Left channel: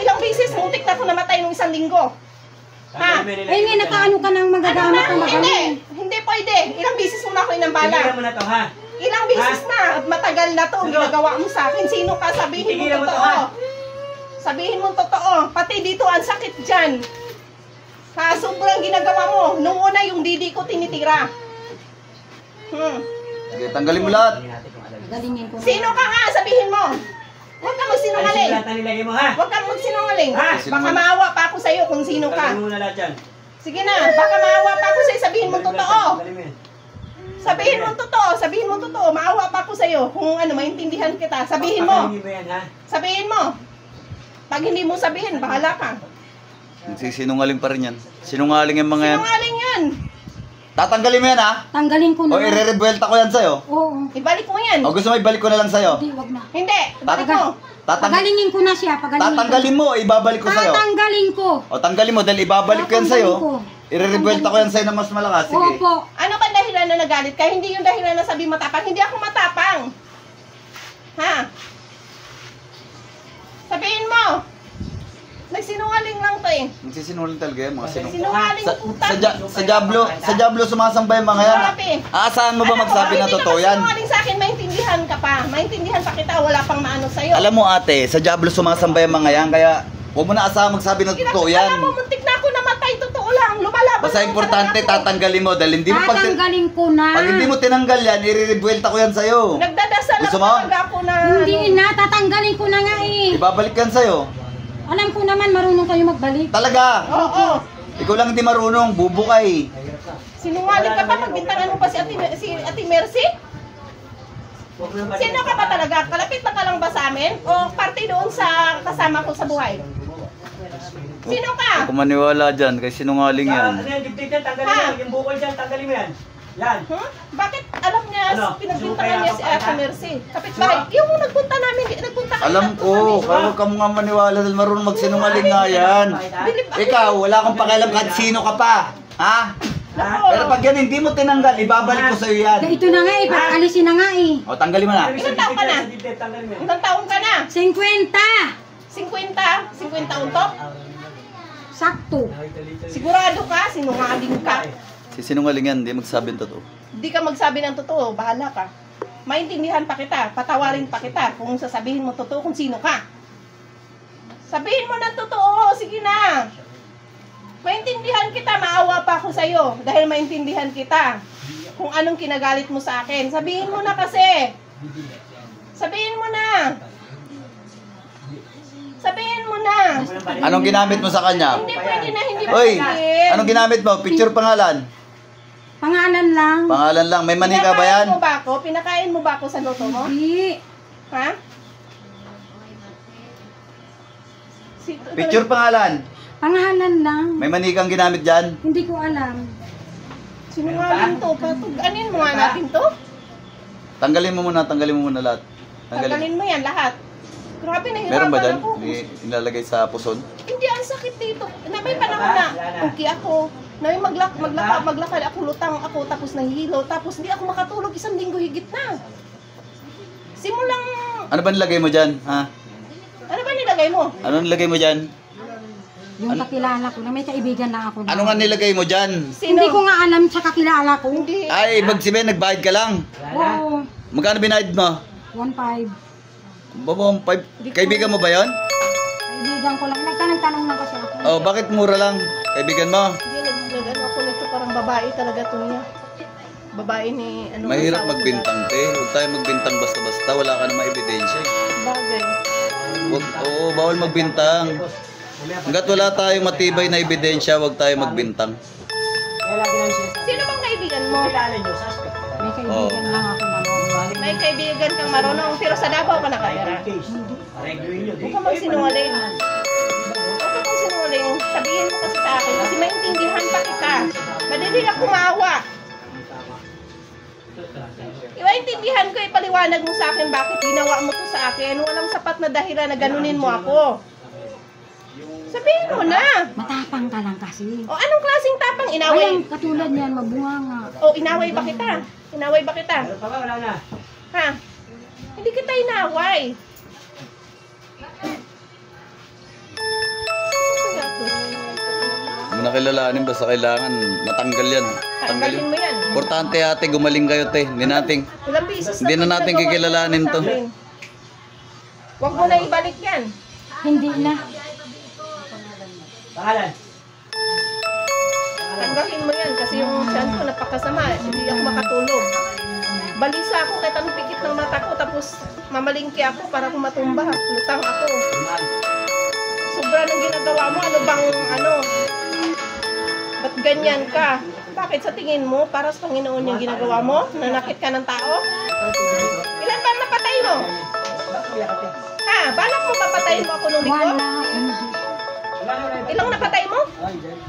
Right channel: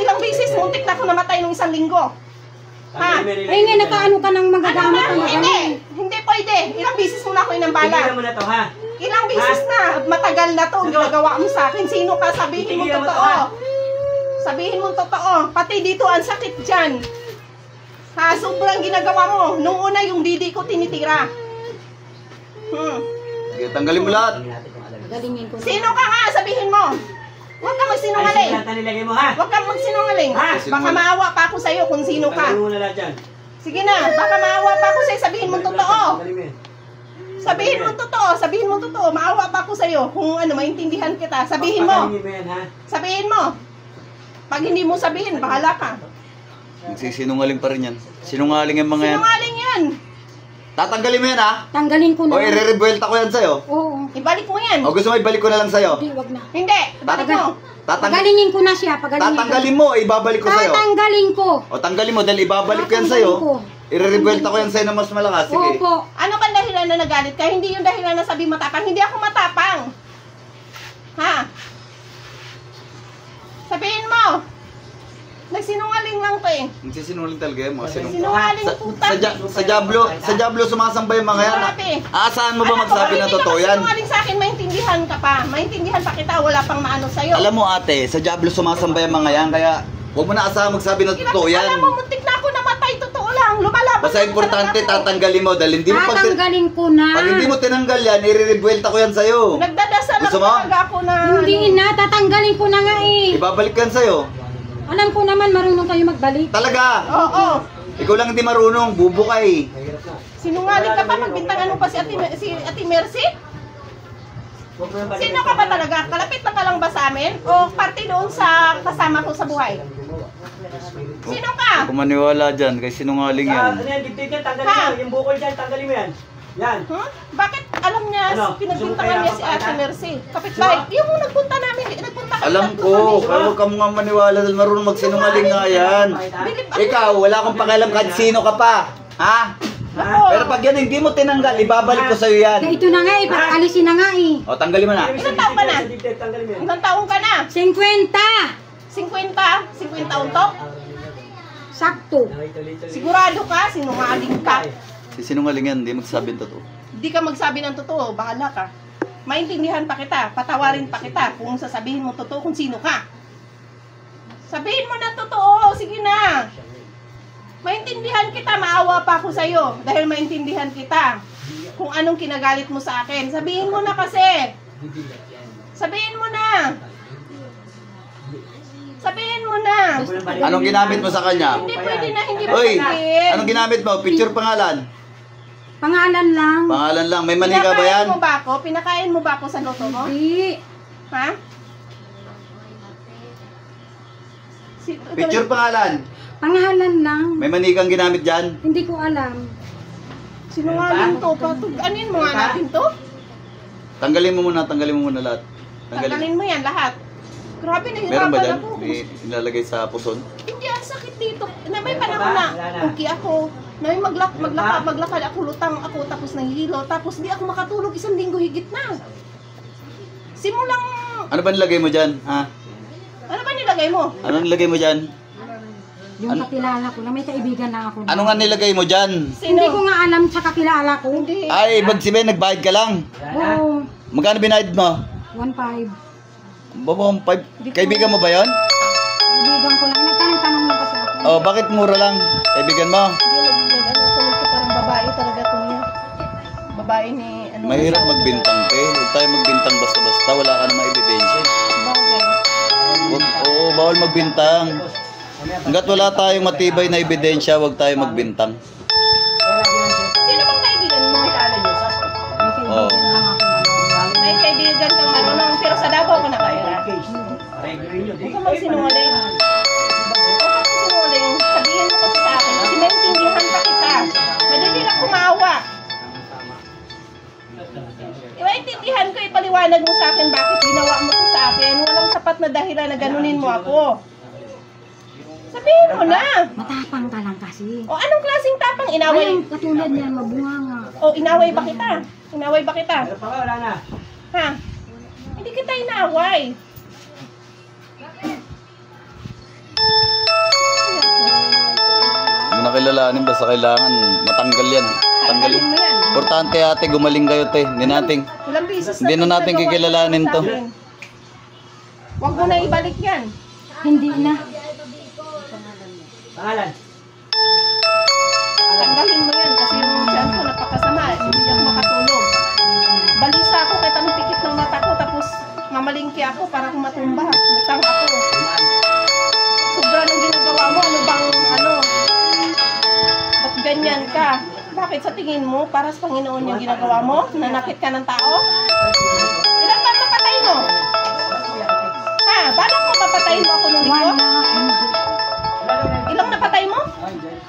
ilang beses, muntik na ako namatay nung 1 linggo. Ha? Nga, nakaano ka ng magagamit ka Hindi pwede. Ilang beses mo na ako inambala. Tingnan mo na to, ha? Ilang beses na. Matagal na to. Ginagawa mo sa akin. Sino ka? Sabihin mo totoo. Sabihin mo totoo. Pati dito, ang sakit dyan. Ha? Sobrang ginagawa mo. Nung una, yung didi ko tinitira. Sige, tanggalin mo lahat. Galingin ko na. Sino ka nga? Sabihin mo. Huwag ka magsinungaling. mo, ha? Huwag ka magsinungaling. Ha? Baka maawa pa ako sa'yo kung sino ka. Tanggalin mo na lahat yan. Sige na. Baka maawa pa ako sa'yo. Sabihin mo totoo. Tanggalin mo yan. Sabihin mo totoo. Sabihin mo totoo. Maawa pa ako sa'yo. Kung ano, maintindihan kita. Sabihin mo. Tanggalin mo yan, ha? Sabihin mo. Pag hindi mo sabihin, bahala ka. Nagsisinungaling pa rin yan. Sinungaling yung mga yan. Sinungaling yan. Tatanggalin mo yan, ha? Tanggalin ko O na. i-rebuelta ko yan sa'yo. Oo. Ibalik mo yan. O gusto mo ibalik ko na lang sa'yo? Hindi, wag na. Hindi. Ibalik mo. Pagalingin ko na siya. Tatanggalin mo, ibabalik ko sa'yo. Tatanggalin ko. O tanggalin mo dahil ibabalik ko yan sa'yo. I-rebuelta ko yan sa'yo na mas malakas. Sige. Opo. Ano kang dahilan na nagalit ka? Hindi yung dahilan na sabi matapang. Hindi ako matapang. Ha? Sabihin mo. Nagsinungaling lang to eh. Nagsisinungaling talaga yan, mga Sinungaling puta. Sa Diablo sumasambay yung mga yan. Grabe. Aasahan mo ba magsabi na totoo yan? Sinungaling sa akin, maintindihan ka pa. Maintindihan pa kita, wala pang maano sa'yo. Alam mo ate, sa Diablo sumasambay yung mga yan, kaya huwag mo na asahan magsabi na totoo yan. Alam mo, muntik na ako namatay, totoo lang. Lumalaban Basta lang importante, talaga ako. tatanggalin mo dahil hindi mo Tatanggalin ko na. pag hindi mo tinanggal yan, i-rebuelta ko yan sa'yo. Nagdadasal Gusto ako mo? talaga ako na... Hindi na. Tatanggalin ko na nga eh. Ibabalik yan sa'yo. Alam ko naman marunong kayo magbalik. Talaga. Oo. Ikaw lang hindi marunong, bubo ka eh. Sinungaling ka pa, magbintangan mo pa si Ate Mercy? Sino ka ba talaga? Kalapit na ka lang ba sa amin? O parte doon sa kasama ko sa buhay? Sino ka? Kung maniwala dyan, kasi sinungaling yan. Ano yan, dibdib yan, tanggalin mo. Yung bukol dyan, tanggalin mo yan. Yan. Huh? Bakit alam niya, Ano? pinagbintangan niya si Ate Mercy? Kapitbahay, yung nagpunta namin, nagpunta kami. Alam ko, pero huwag ka nga maniwala dahil marunong magsinungaling nga yan. Ikaw, wala akong pakialam kahit sino ka pa. Ha? Pero pag yan hindi mo tinanggal, ibabalik ko sa'yo yan. Ito na nga eh. Alisin na nga eh. O, tanggalin mo na. Ilang taon ka na? Tanggalin mo yan. Ilang taong ka na? 50. 50 taon to? Sakto. Sigurado ka, sinungaling ka. Sinungaling yan, hindi magsabi ng totoo. Hindi ka magsabi ng totoo, bahala ka. Maintindihan pa kita, patawarin pa kita kung sasabihin mo totoo kung sino ka. Sabihin mo na totoo, sige na. Maintindihan kita, maawa pa ako sa'yo dahil maintindihan kita kung anong kinagalit mo sa akin. Sabihin mo na kasi. Sabihin mo na. Sabihin mo na. Anong ginamit mo sa kanya? Hindi pwede na hindi mo Hoy, sabihin. anong ginamit mo? Picture pangalan? Pangalan lang. Pangalan lang, may manika ba yan? Pinakain mo ba ako? Pinakain mo ba ako sa loto mo? Hindi. Ha? Picture pangalan? Pangalan lang. May manikang ginamit dyan? Hindi ko alam. Sinungaling to. Anin mo nga natin to? Tanggalin mo muna lahat. Tanggalin mo yan lahat. Grabe, Meron ba nahirapan dyan? ako. May nilalagay sa puson? Hindi, ang sakit dito. May panahon na okay ako. Na may maglakad ako, lutang ako, tapos nahihilo. Tapos hindi ako makatulog 1 linggo higit na. Simulang... Ano ba nilagay mo dyan? Ha? Ano ba nilagay mo? Ano nilagay mo dyan? Yung kakilala ko na may kaibigan lang ako. Ano nga nilagay mo dyan? Hindi ko nga alam sa kakilala ko. Hindi. Ay, ibig sabihin, nagbayad ka lang. Oo. Magkano binayad mo? 1.5. Babang 5. Kaibigan mo ba yon? Kaibigan ko lang. Nagtanong-tanong lang kasi ako. Oh, bakit mura lang? Kaibigan mo? Hindi, nag-ano ko parang babae talaga ito niya. Babae ni... Ano, Mahirap magbintang, te. Huwag tayo magbintang basta-basta. Wala ka namang ebidensya. Bagay. Oo, bawal magbintang. Hanggat wala tayong matibay na ebidensya, huwag tayo magbintang. Sino bang kaibigan mo? May kaibigan Oo. lang ako. May kaibigan kang marunong, pero sa Davao ka nakatira. Huwag ka magsinungaling. Huwag ka magsinungaling. Sabihin mo kasi sa akin, kasi maintindihan pa kita. Madali lang kumaawa. Maintindihan ko, ipaliwanag mo sa akin bakit ginawa mo to sa akin. Walang sapat na dahilan na ganunin mo ako. Sabihin mo na. Matapang ka lang kasi. O anong klaseng tapang inaway? Ayun, katulad niyan, mabunga nga. O inaway ba kita? Inaway ba kita? Wala na. Ha? Hindi kita inaway. na kilalanin, basta kailangan matanggal yan. Tanggal Tanggalin yun. mo yan. Importante ate, gumaling kayo te. Ilang beses Hindi na natin nagawa kikilalanin sa to. akin. Huwag mo na ibalik yan. Hindi na. Pangalan. Tanggalin mo yan kasi yung tiyan ko napakasama. Hindi ako makatulog. Balisa ako kahit anong pikit ng mata ko tapos mamalingki ako para kung matumba. Lutang ako. Sobra ng ginagawa mo. Ano bang ano? Ba't ganyan ka? Bakit sa tingin mo para sa Panginoon yung ginagawa mo? Nanakit ka ng tao? Ilan ba napatay mo? Ha? Balak mo papatayin mo ako nung linggo? Wala. Hindi. Ilang napatay mo?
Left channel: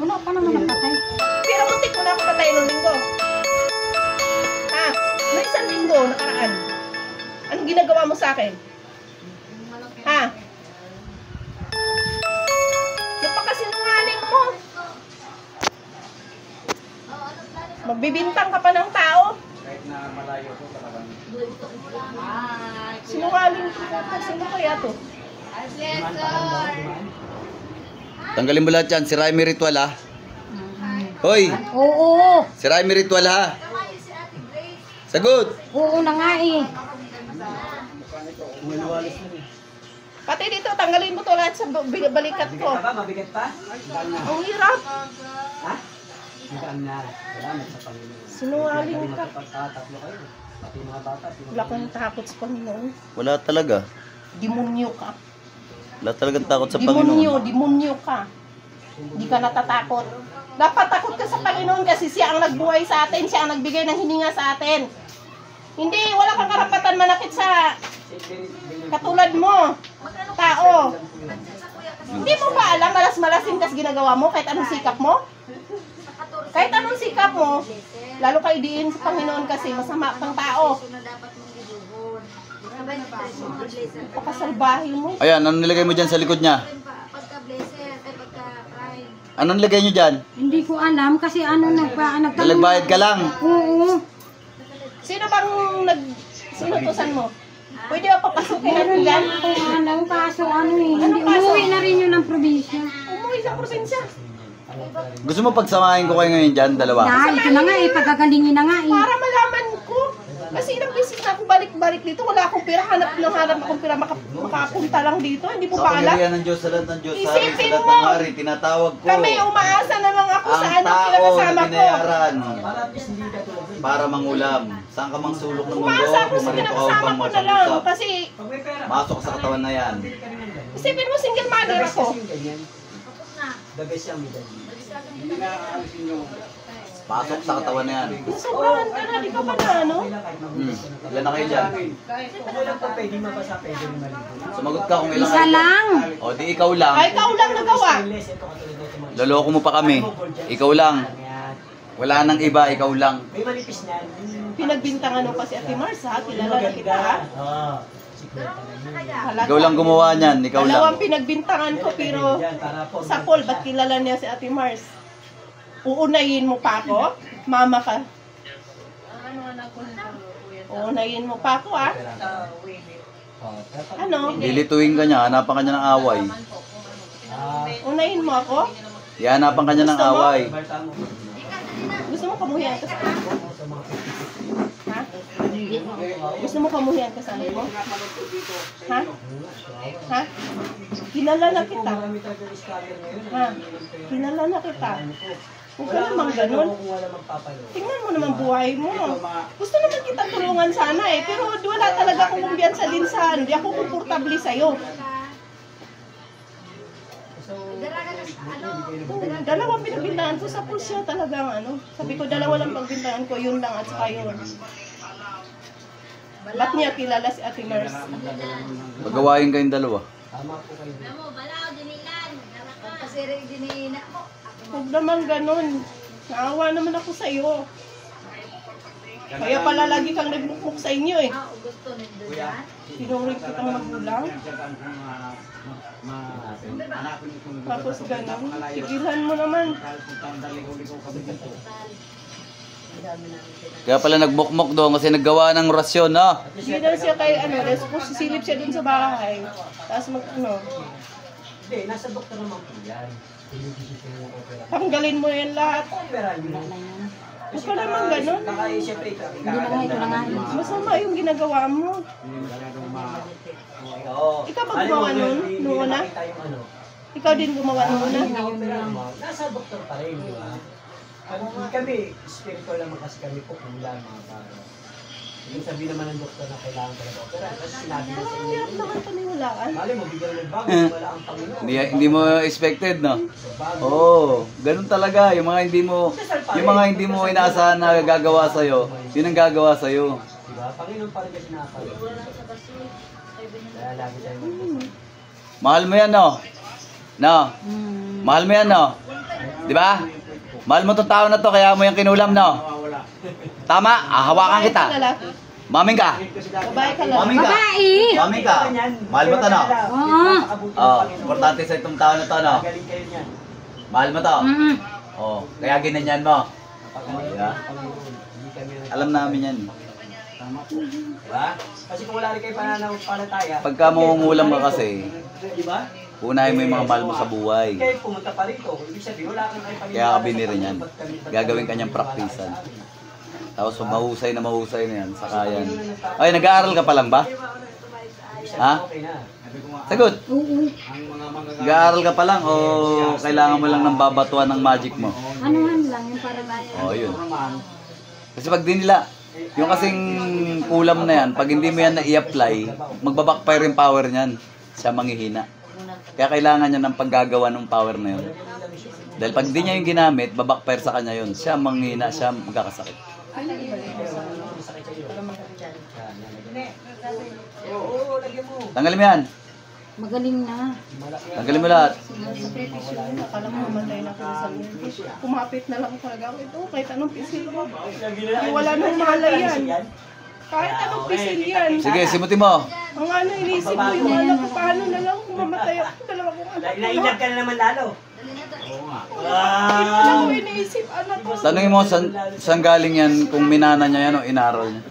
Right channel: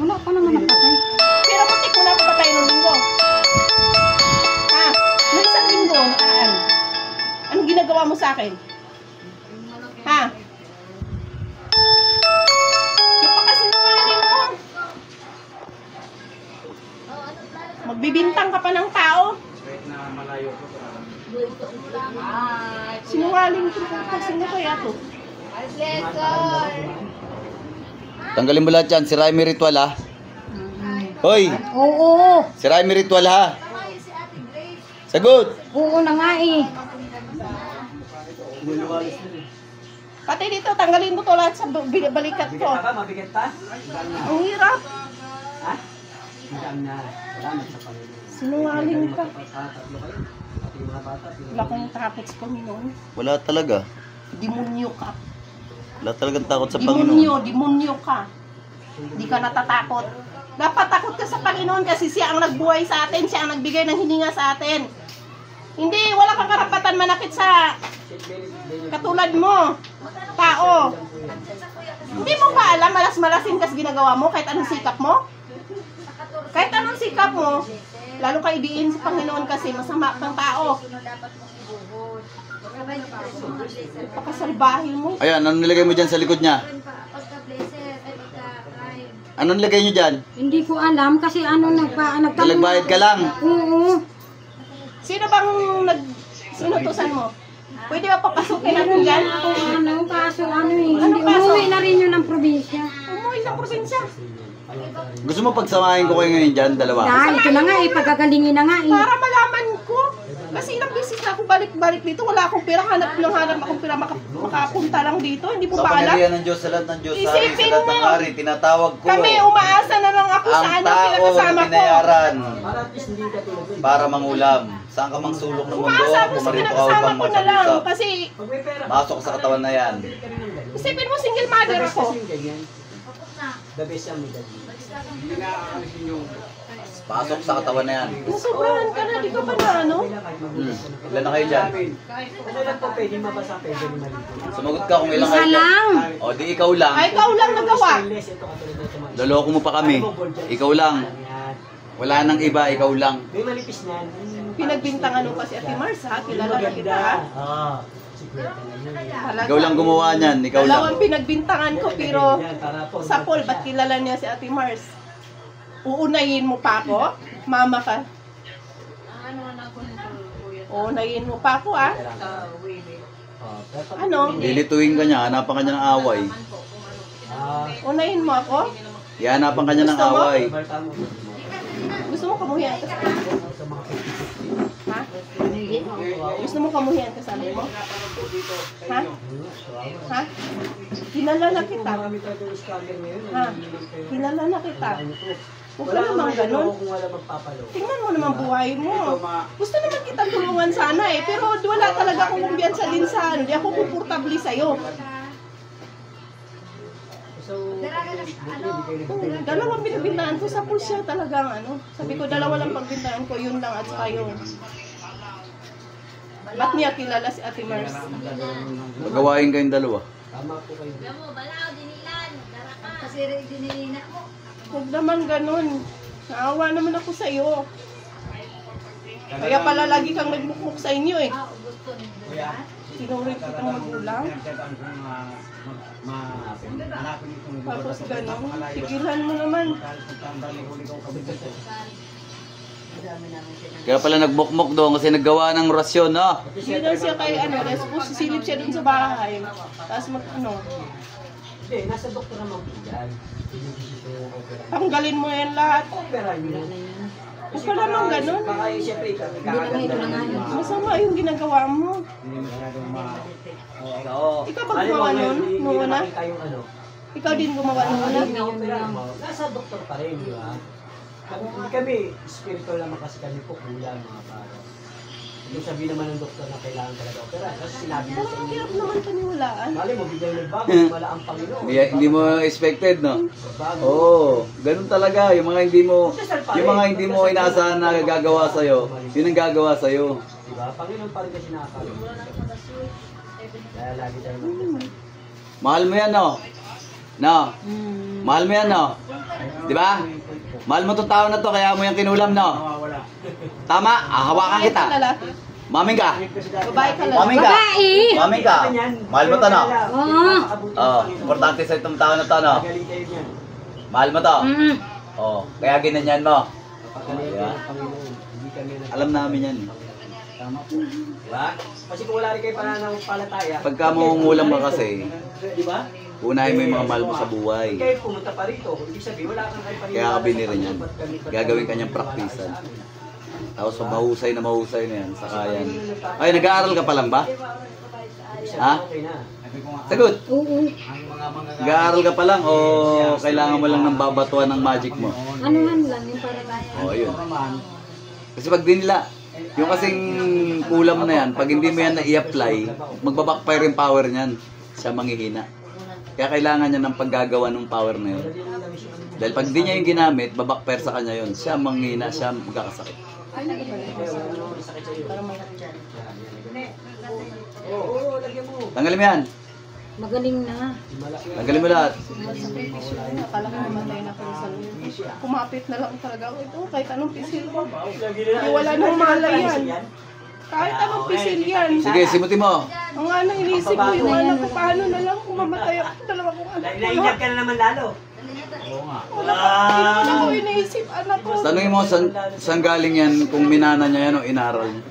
Wala pa naman napatay. Pero muntik mo na ako patay nung linggo. Ha? Nung isang linggo, nakaraan. Anong ginagawa mo sa akin? Ha? Napakasinungaling mo. Magbibintang ka pa ng tao. Sinungaling ko pa. Sino kaya to? Tanggalin mo lahat yan. Si Raimi Ritual ha. Hoy! Oo. Si Raimi Ritual ha. Sagot! Oo na nga eh. Pati dito, tanggalin mo to lahat sa balikat ko. Mabigat pa? Ang hirap. Ha? Hanggang na. Salamat sa Panginoon. Sinungaling ka. Tatlo kayo. Pati mga bata. Wala kang takot sa Panginoon. Wala talaga. Demonyo ka. Wala talagang takot sa Demonyo, Panginoon. demonyo ka. Hindi ka natatakot. Dapat takot ka sa Panginoon kasi siya ang nagbuhay sa atin, siya ang nagbigay ng hininga sa atin. Hindi, wala kang karapatan manakit sa katulad mo, tao. Hindi mo pa alam, malas-malasin kasi ginagawa mo kahit anong sikap mo. Kahit anong sikap mo, lalo ka idiin sa Panginoon kasi masama kang tao. Pakasalbahin mo. Ayan, anong nilagay mo dyan sa likod niya? Anong nilagay niyo dyan? Hindi ko alam kasi ano nagtanong. Nagbayad ka lang. Oo. Sino bang sinutusan mo? Pwede ba papasukin natin yan? Ano, kaso ano eh. Hindi, umuwi na rin yun ng probinsya. Umuwi sa probinsya. Gusto mo pagsamahin ko kayo ngayon dyan, dalawa? Dahil ito na nga eh, pagkagalingin na nga eh. Para malaman ko. Kasi ilang beses na ako balik-balik dito. Wala akong pera. Hanap akong pera. Makapunta lang dito. Hindi po Sa ba alam? pangyarihan ng Diyos, sa lahat ng Diyos, sa hari, sa Isipin lahat ng mo. hari, tinatawag ko. Kami umaasa na lang ako sa Ang ano tao pinakasama na ko. binayaran Para at least hindi ka tulog. para mangulam. Saan ka mang sulok ng mundo, Umaasa ako sa pumarito ka pinakasama upang ko na lang. magsangusap. Kasi Pag may pera. Masok ka sa katawan na yan. isipin mo single mother ako. The best yung middle. Pasok sa katawan na yan. Nasobrahan ka na. Di ka ba na ano? Ilan na kayo dyan? Ano lang po pwede mabasa, pwede maligo. Sumagot ka kung ilan Isa kayo dyan. lang. O di ikaw lang. Ay, ikaw lang nagawa. Stainless, ito katulad nito mga Loloko mo pa kami. Ikaw lang. yan. Wala nang iba, ikaw lang. May manipis na. Pinagbintangan mo pa si Ate Mars ha. Kilala na kita ha. Oo. Siguro talaga. Ikaw lang gumawa niyan, ikaw lang. Dalawang pinagbintangan ko pero sa poll, ba't kilala niya si Ate Mars? Uunayin mo pa ako? Mama ka. Uunayin mo pa ako ah. Ano? Lilituin ka niya, hanapan ka niya ng away. Unahin mo ako? Ihanapan ka niya ng Gusto mo? away. Gusto mo kamuhian ka sa ha? Gusto mo kamuhian kasama ko? Ha? Ha? Kilala na kita. Ha? Kilala na kita. Huwag ka naman ganun. Tingnan mo naman buhay mo. Gusto naman kita tulungan sana eh. Pero wala talaga akong kumbiyansa din sa ano. Di ako komportable sa'yo. Dalawang pinagbintaan ko sa pulsya talagang ano. Sabi ko dalawa lang pagbintaan ko. Yun lang at saka yun. Ba't niya kilala si Ate Mars? Magawain kayong dalawa. Tama po kayo. Huwag naman ganun. Naawa naman ako sa'yo. Kaya pala lagi kang nagmukmuk sa inyo eh. Pinuri kitang magulang. Tapos ganun. Tigilan mo naman. Kaya pala nagbukmok doon kasi naggawa ng rasyon, no? Sige daw siya kay ano. Tapos sisilip siya dun sa bahay. Tapos mag ano. Hindi, nasa doktor naman po yan. Tanggalin mo yan lahat. Opera yun. Huwag ka naman ganun. Baka siyempre, Hindi na nga, ito na nga yun. Masama yung ginagawa mo. Hindi mo masyadong Oo. Ikaw ba gumawa nun? Nung una? Ikaw din gumawa nung una? Nasa doktor pa rin, di ba? Kami, spiritual naman kasi kami po kulang mga para. Yung sabihin naman ng doktor na kailangan talaga opera. Kasi sinabi mo sa inyo. Hirap naman paniwalaan. Mali mo, biglang nagbago, wala ang Panginoon. Hindi mo expected, no? Nagbago. Oo, ganun talaga. Yung mga hindi mo inaasahan na gagawa sa'yo, yun ang gagawa sa'yo. Diba? Panginoon pa rin kasi nakakalit. Kaya lagi tayo magdasal. Mahal mo yan, no? No? Mahal mo yan, no? Di ba? Mahal mo itong tao na to, kaya mo yung kinulam, no? Tama? Hawakan kita. Lalaki. Maming ka. Babae ka lalaki. Maming ka. Babae! Maming ka. Mahal mo to, no? Oo. Oh, importante sa itong tao na to, no? Galing kayo niyan. Mahal mo to. Oh, kaya ginanyan mo. Napakagaling ng Panginoon. Hindi kami Alam namin yan. Tama po. Diba? Kasi kung wala rin kayo pananampalataya. Pagka mangungulam ka kasi, Diba? unahin mo yung mga mahal mo sa buhay. Kayo pumunta pa rito. Ibig sabihin, wala kang kayo paniniwala. Kaya ka binili sa yan. Panginoon. Gagawin kanyang praktisan. Tapos mahusay na yan, saka yan. Ay, nag-aaral ka pa lang ba? Ha? Okay na. Sagot! Oo. Nag-aaral ka pa lang o kailangan mo lang ng babatuan ng magic mo? Anuhan lang, yung parang... Oo, yun. Kasi pag di nila, yung kasing kulam na yan, pag hindi mo yan na-i-apply, magbabackfire yung power niyan. Siya manghihina. Kaya kailangan niya ng paggagawa ng power na yun. Dahil pag di niya yung ginamit, babackfire sa kanya yun. Siya manghihina, siya magkakasakit. Oo, lagyan mo. Tanggalin mo yan. Magaling na. Tanggalin mo lahat. Akala ko namatay na kayo sa loob. Kumapit na lang talaga ako ito. Kahit anong pisil mo. Wala nang malay yan. Kahit anong pisil yan. Sige, simutin mo. Ang ano, inisip ko yung anak ko. Paano na lang kung mamatay ako. Dalawa kong anak ko. Naiinag ka na naman lalo. Wala ko iniisip, anak ko. Tanungin mo, saan galing yan kung minana niya yan o inaral niya?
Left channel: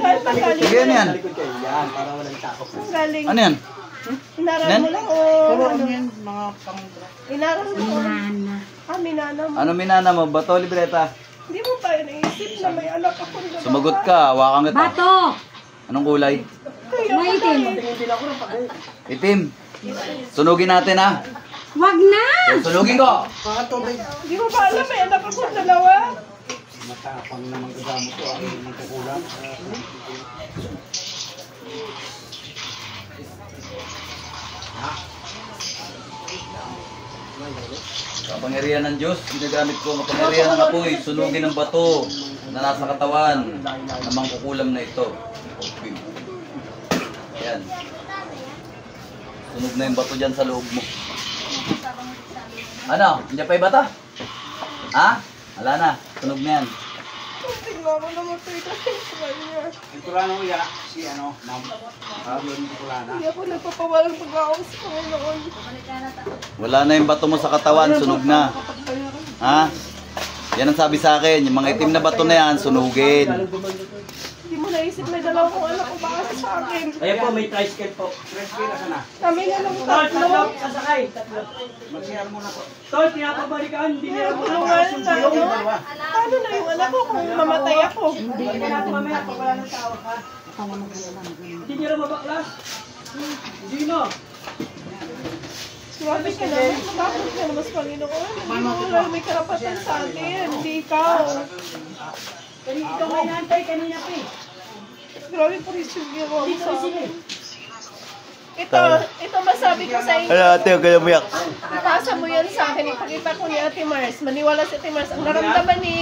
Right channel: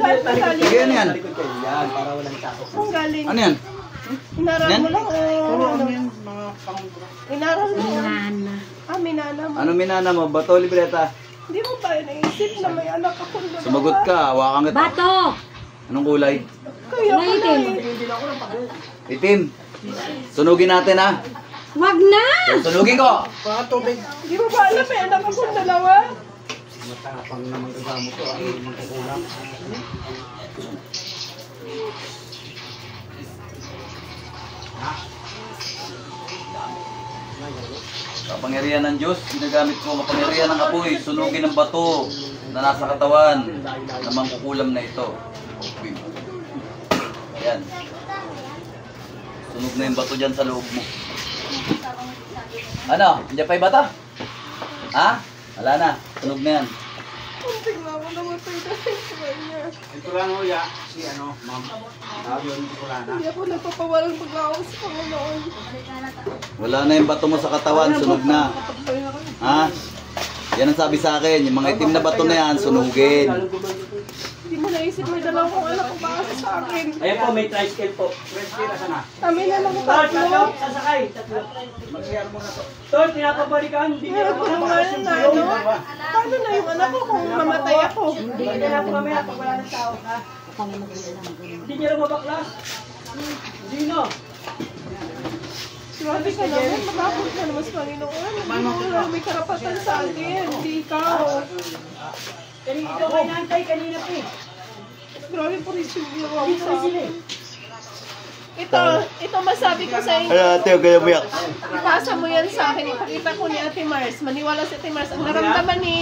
Saan ka galing? Sige, ano yan? Yan, para walang takot. Saan galing? Ano yan? Inaral mo lang o ano? Inaral mo. Minana. Minana mo. Ano minana mo? Bato, libreta? Hindi mo ba iniisip na may anak akong dalawa? Sumagot ka, hawakan kita. Bato! Anong kulay? Kaya Maitim. Itim. Sunugin natin ha. Wag na! Sunugin ko. Hindi mo ba alam may anak akong dalawa? Matapang naman kasama ko ang magkukulang. Kapangyarihan ng Diyos, ginagamit ko ang kapangyarihan ng apoy, sunugin ng bato na nasa katawan na mangkukulam na ito. Okay. Ayan. Sunog na yung bato dyan sa loob mo. Ano? Hindi pa yung bata? Ha? Wala na. Sunog na yan. Tingnan ko namatay na siya niya. Ang kulana ko ya, si ano, ma'am. Yun yung kulana. Hindi ako nagpapawalang pag-aawang sa Panginoon. Wala na yung bato mo sa katawan, sunog na. Ha? Yan ang sabi sa akin, yung mga itim na bato na yan, sunugin. Hindi mo naisip may dalawa kong anak ko baka sa akin. Ayan po, may tricycle po. Tricycle, asan na? Kami na lang tatlo. Sasakay. Tatlo. Mag-share muna to. Tol, pinapabalikan. Hindi Kaya tulungan na ano. Paano na yung anak ko kung mamatay ako? Hindi na po kami pag wala ng tao. Ha? Hindi niya rin mabaklas. Hindi na. Grabe ka naman, makakot ka naman sa Panginoon. Hindi mo lang may karapatan sa akin, hindi ikaw. Kanina ikaw may nantay, kanina po. Grabe po rin yung ginawa mo sa akin. Ito masabi ko sa inyo. Ay, ate, huwag kayo buyak. Ipasa mo yan sa akin. Ipakita ko ni Ate Mars. Maniwala si Ate Mars. Ang naramdaman ni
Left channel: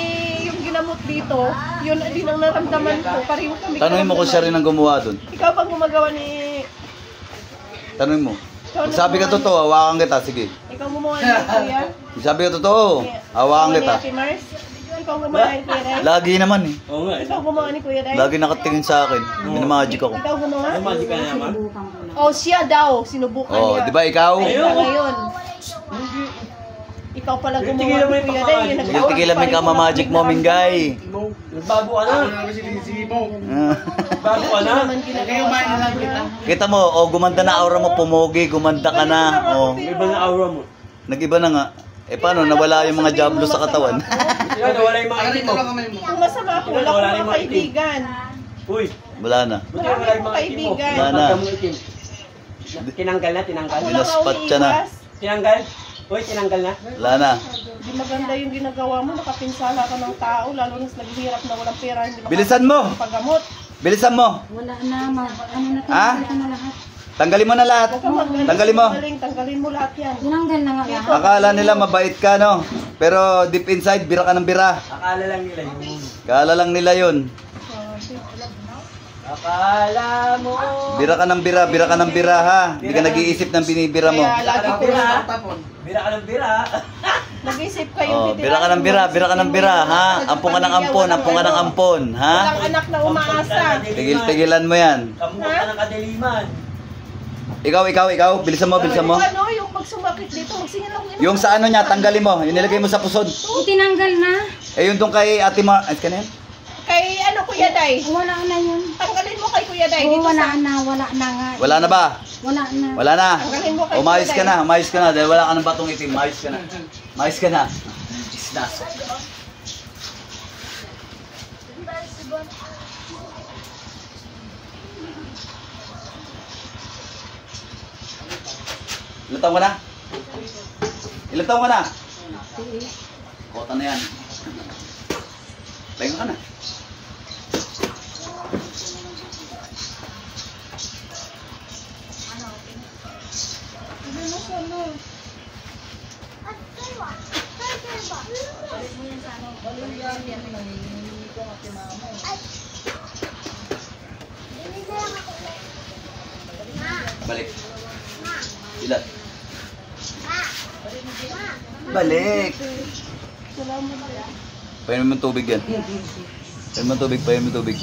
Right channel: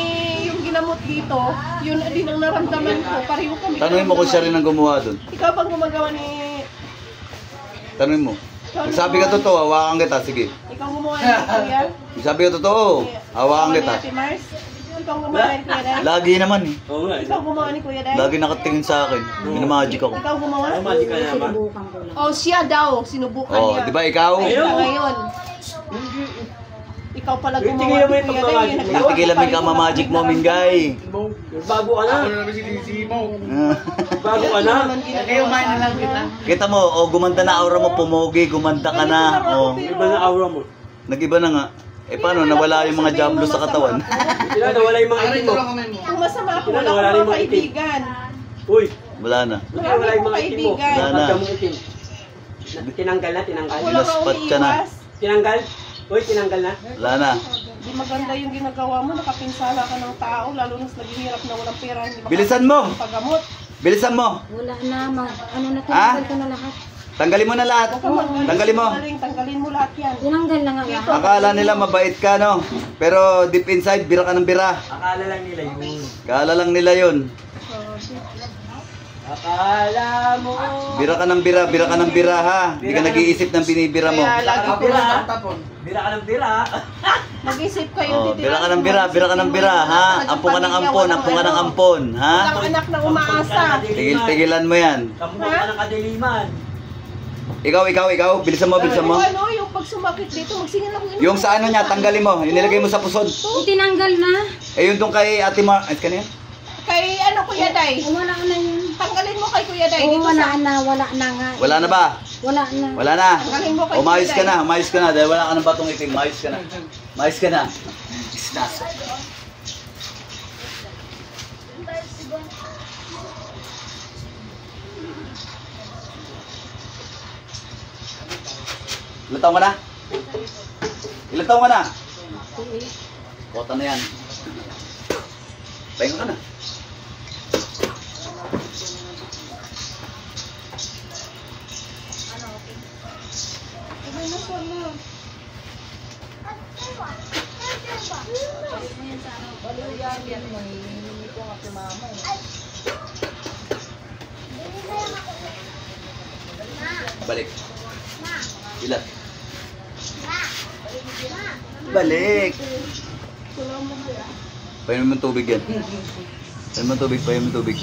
yung ginamot dito, yun din ang naramdaman ko. Pareho kami. Tanungin mo kung siya rin ang gumawa dun. Ikaw bang gumagawa ni... Tanungin mo. Sabi ka totoo, hawakan kita, sige. Ikaw gumawa ni Kuya? Sabi ka totoo, hawakan kita. Ate Mars? Ikaw gumawa ni Kuya Day? Lagi naman eh. Oo nga. Ikaw gumawa ni Kuya Day? Lagi nakatingin sa akin. Minamagic ako. Ikaw gumawa? Magic ka naman. Sinubukan ko lang. Oh, siya daw. Sinubukan Oh, niya. di ba ikaw? Ikaw ngayon. ikaw pala gumawa. Tigilan mo yung Kuya Day, pagmamahal. nagtaon Tigilan mo pa yung rin kamamagic mo, kumain ng Mingay. Bago ka na. Bago ka na. Kita mo, gumanda na aura mo, pumogi, gumanda ka na. Iba na aura mo. Nag-iba na nga. Eh paano, nawala yung mga jamblo sa katawan? Sila, nawala yung mga itim mo. Kung masama ako, Wala, wala wala akong rin mga itim. kaibigan. Uy, Wala na. wala yung mga itim mo. Kaibigan. Wala na. Pagka mong itim. Tinanggal na, tinanggal. Wala ka Sinaspat ka na. umiiwas. Tinanggal? Uy, tinanggal na. Wala na. Di maganda yung ginagawa mo, nakapinsala ka ng tao, lalo na sa naghihirap na walang pera, hindi Bilisan mo! paggamot. Bilisan mo! Wala na, ano na Ah? tinanggal ko na lahat. Tanggalin mo na lahat. Huwag kang magagaling. Tanggalin mo. Tanggalin mo lahat yan. Tinanggal na nga lahat. Akala nila mabait ka, no? Pero deep inside, bira ka ng bira. Akala lang nila yun. Akala lang nila yun. Akala mo. Bira ka ng bira, bira ka ng bira, ha? Hindi ka nag-iisip ng binibira mo. Kaya lagi ko Bira. na Bira ka ng bira. nag-isip kayo. Oh, bira ka ng bira, bira ka ng bira, ha? Ampon ka ng ampon, ampon ka ng ampon, ha? Walang anak na umaasa. Tigil-tigilan mo yan. Kamukha ka ng kadiliman. Ikaw, bilisan mo, bilisan mo. Ano, yung pag sumakit dito, magsingin lang yun. Yung sa ano niya, tanggalin mo. Yung nilagay mo sa pusod. Itinanggal na. Eh, yung tong kay Ate Mar... Ay, kanina? Kay ano, Kuya Day? Wala na yun. Tanggalin mo kay Kuya Day. Oo, Dito wala sa... na, wala na nga. Wala na ba? Wala na. Wala na. Tanggalin mo kay Umayos Kuya ka Day. na, umayos ka na. Dahil wala ka ng batong itim. Umayos ka na. Umayos ka na. Isnas. Ilan taon ka na? Ilan taon ka na? Kota na yan. Pahinga ka na. Balik. Ilan? Balik. Painom mo ng tubig yan. Painom mo ng tubig, painom mo ng tubig.